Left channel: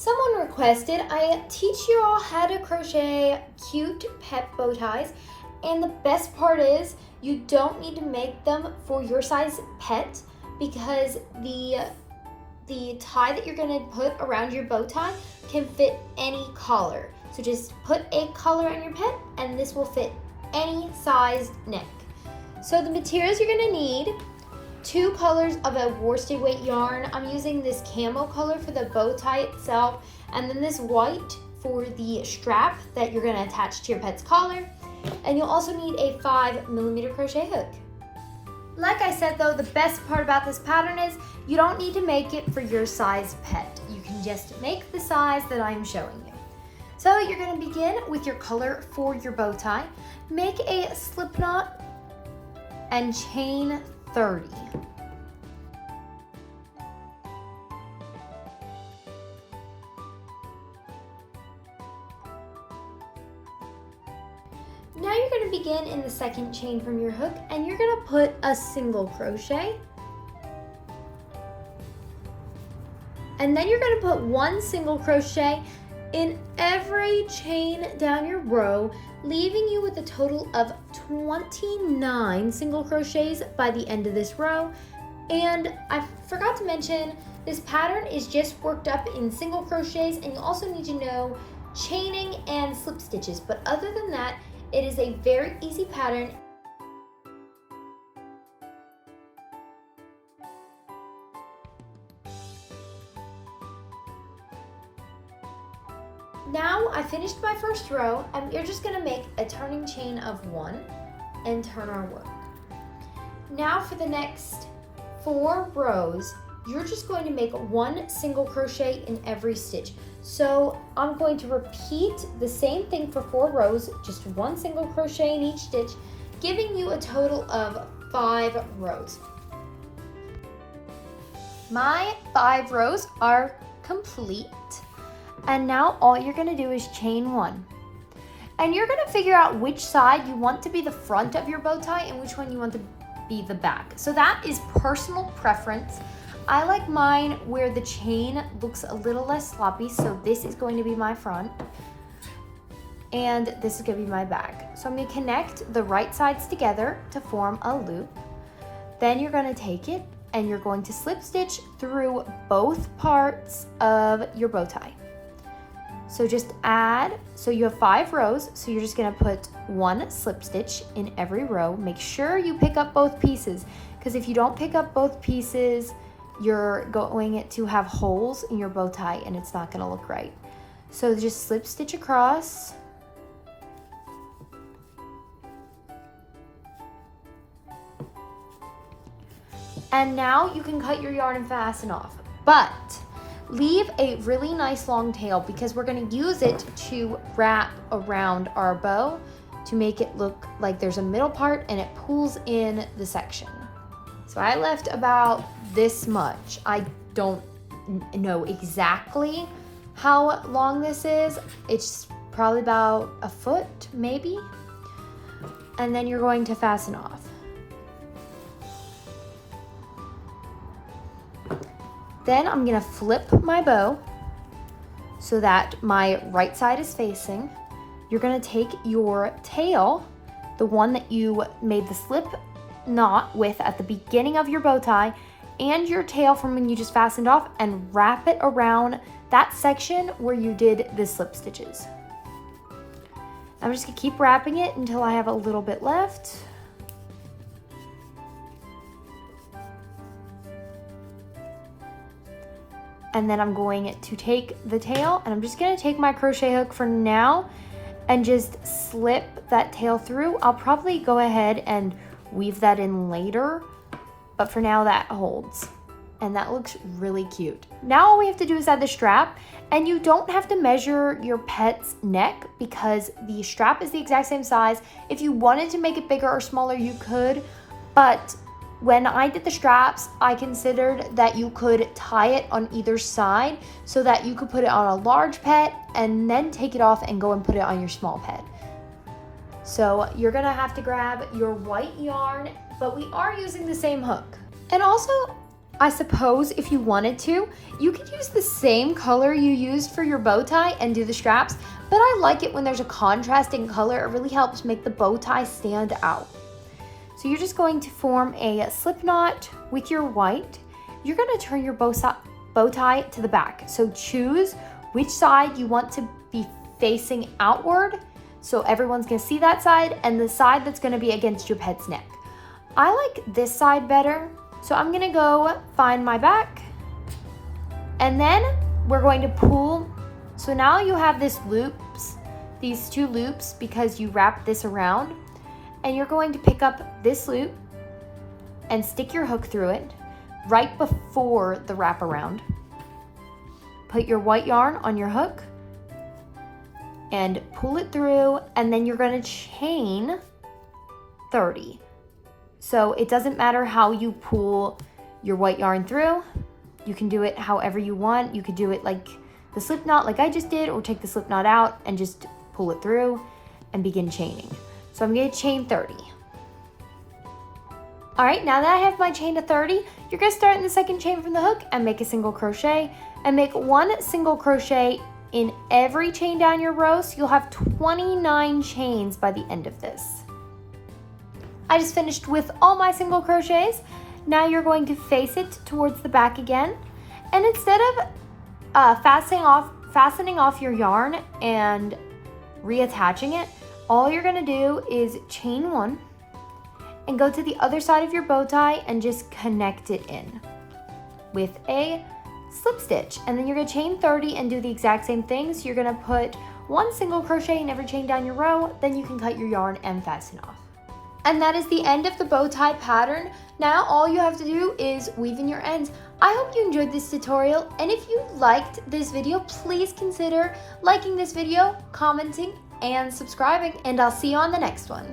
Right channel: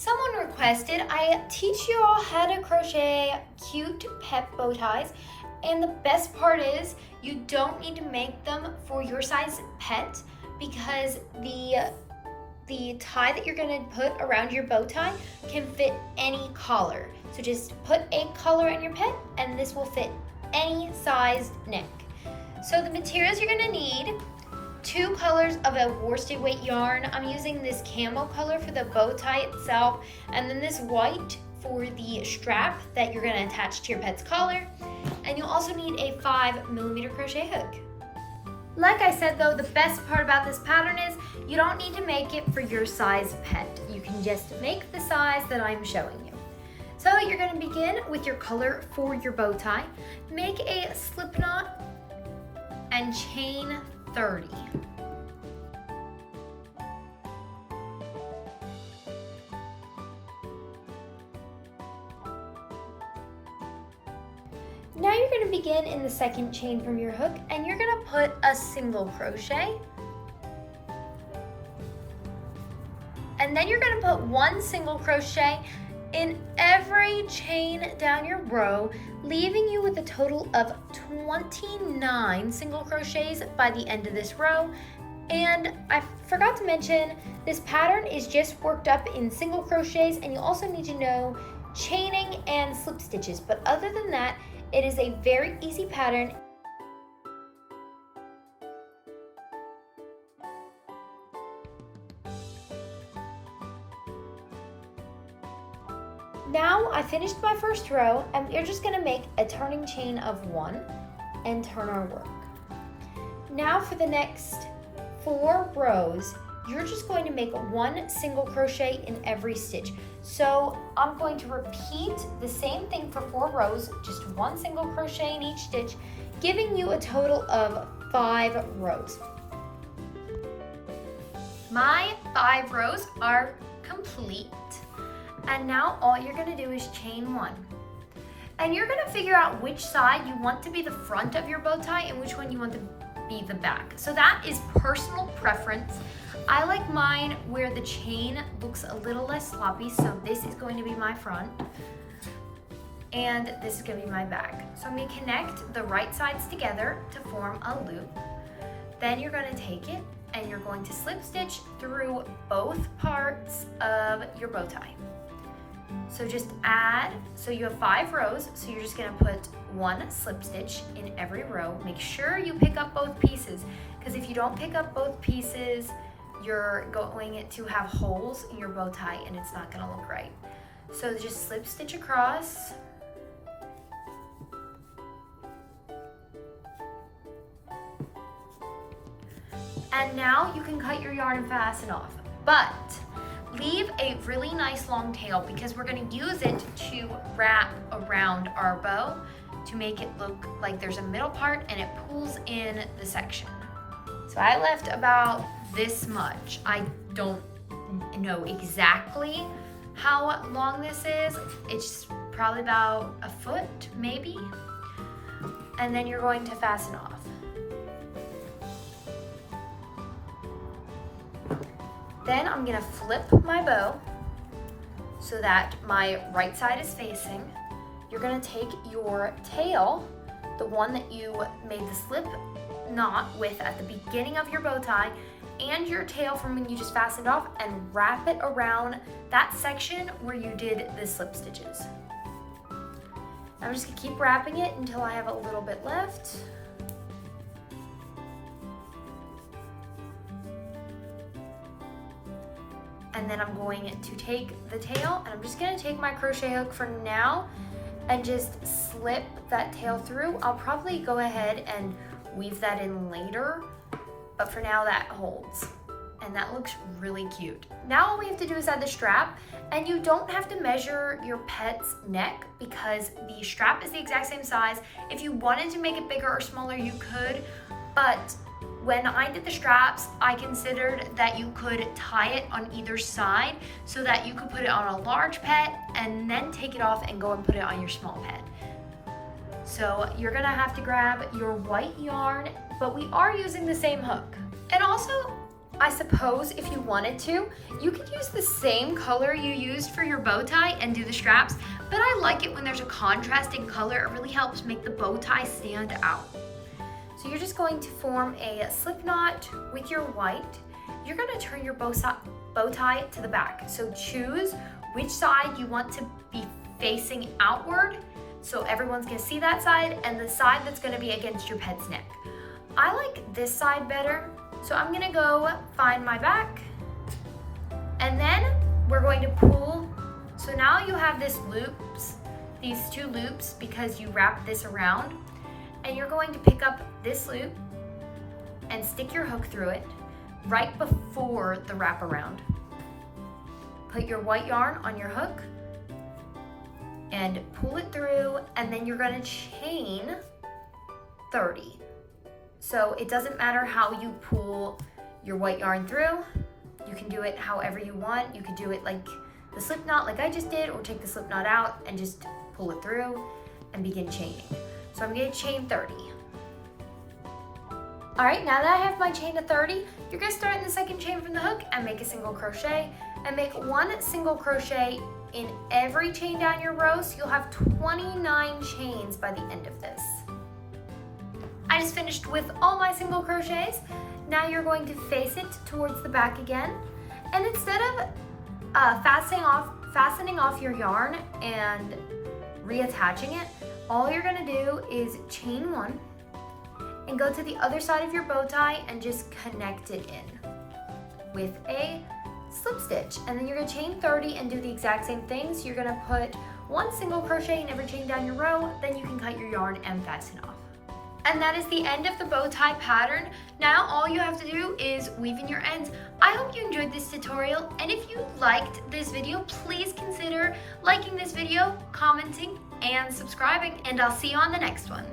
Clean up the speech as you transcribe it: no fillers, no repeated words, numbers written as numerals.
Someone requested I teach you all how to crochet cute pet bow ties, and the best part is you don't need to make them for your size pet because the tie that you're going to put around your bow tie can fit any collar. So just put a collar on your pet and this will fit any size neck. So the materials you're going to need: 2 colors of a worsted weight yarn. I'm using this camel color for the bow tie itself, and then this white for the strap that you're gonna attach to your pet's collar. And you'll also need a 5mm crochet hook. Like I said though, the best part about this pattern is you don't need to make it for your size pet. You can just make the size that I'm showing you. So you're gonna begin with your color for your bow tie. Make a slip knot and chain 30. Now you're going to begin in the second chain from your hook and you're going to put a single crochet. And then you're going to put 1 single crochet in every chain down your row, leaving you with a total of 29 single crochets by the end of this row. And I forgot to mention, this pattern is just worked up in single crochets, and you also need to know chaining and slip stitches. But other than that, it is a very easy pattern. Now I finished my first row, and we're just gonna make a turning chain of 1 and turn our work. Now for the next 4 rows, you're just going to make 1 single crochet in every stitch. So I'm going to repeat the same thing for 4 rows, just 1 single crochet in each stitch, giving you a total of 5 rows. My 5 rows are complete. And now all you're gonna do is chain 1. And you're gonna figure out which side you want to be the front of your bow tie and which one you want to be the back. So that is personal preference. I like mine where the chain looks a little less sloppy, so this is going to be my front. And this is gonna be my back. So I'm gonna connect the right sides together to form a loop. Then you're gonna take it and you're going to slip stitch through both parts of your bow tie. So just add, so you have 5 rows, so you're just gonna put 1 slip stitch in every row. Make sure you pick up both pieces, because if you don't pick up both pieces, you're going to have holes in your bow tie and it's not gonna look right. So just slip stitch across. And now you can cut your yarn and fasten off. But leave a really nice long tail because we're going to use it to wrap around our bow to make it look like there's a middle part and it pulls in the section. So I left about this much. I don't know exactly how long this is. It's probably about a foot, maybe. And then you're going to fasten off. Then I'm gonna flip my bow so that my right side is facing. You're gonna take your tail, the one that you made the slip knot with at the beginning of your bow tie, and your tail from when you just fastened off, and wrap it around that section where you did the slip stitches. I'm just gonna keep wrapping it until I have a little bit left. And then I'm going to take the tail, and I'm just gonna take my crochet hook for now and just slip that tail through. I'll probably go ahead and weave that in later, but for now that holds. And that looks really cute. Now all we have to do is add the strap, and you don't have to measure your pet's neck because the strap is the exact same size. If you wanted to make it bigger or smaller, you could, but when I did the straps, I considered that you could tie it on either side so that you could put it on a large pet and then take it off and go and put it on your small pet. So you're gonna have to grab your white yarn, but we are using the same hook. And also, I suppose if you wanted to, you could use the same color you used for your bow tie and do the straps, but I like it when there's a contrasting color. It really helps make the bow tie stand out. So you're just going to form a slip knot with your white. You're going to turn your bow tie to the back. So choose which side you want to be facing outward. So everyone's going to see that side, and the side that's going to be against your pet's neck. I like this side better. So I'm going to go find my back, and then we're going to pull. So now you have these two loops because you wrap this around, and you're going to pick up this loop and stick your hook through it right before the wraparound. Put your white yarn on your hook and pull it through, and then you're going to chain 30. So it doesn't matter how you pull your white yarn through. You can do it however you want. You could do it like the slip knot like I just did, or take the slip knot out and just pull it through and begin chaining. So I'm going to chain 30. All right, now that I have my chain to 30, you're going to start in the second chain from the hook and make a single crochet, and make 1 single crochet in every chain down your row, so you'll have 29 chains by the end of this. I just finished with all my single crochets. Now you're going to face it towards the back again, and instead of fastening off your yarn and reattaching it, all you're going to do is chain 1 and go to the other side of your bow tie and just connect it in with a slip stitch. And then you're going to chain 30 and do the exact same thing. So you're going to put 1 single crochet in every chain down your row, then you can cut your yarn and fasten off. And that is the end of the bow tie pattern. Now all you have to do is weave in your ends. I hope you enjoyed this tutorial, and if you liked this video, please consider liking this video, commenting, and subscribing, and I'll see you on the next one.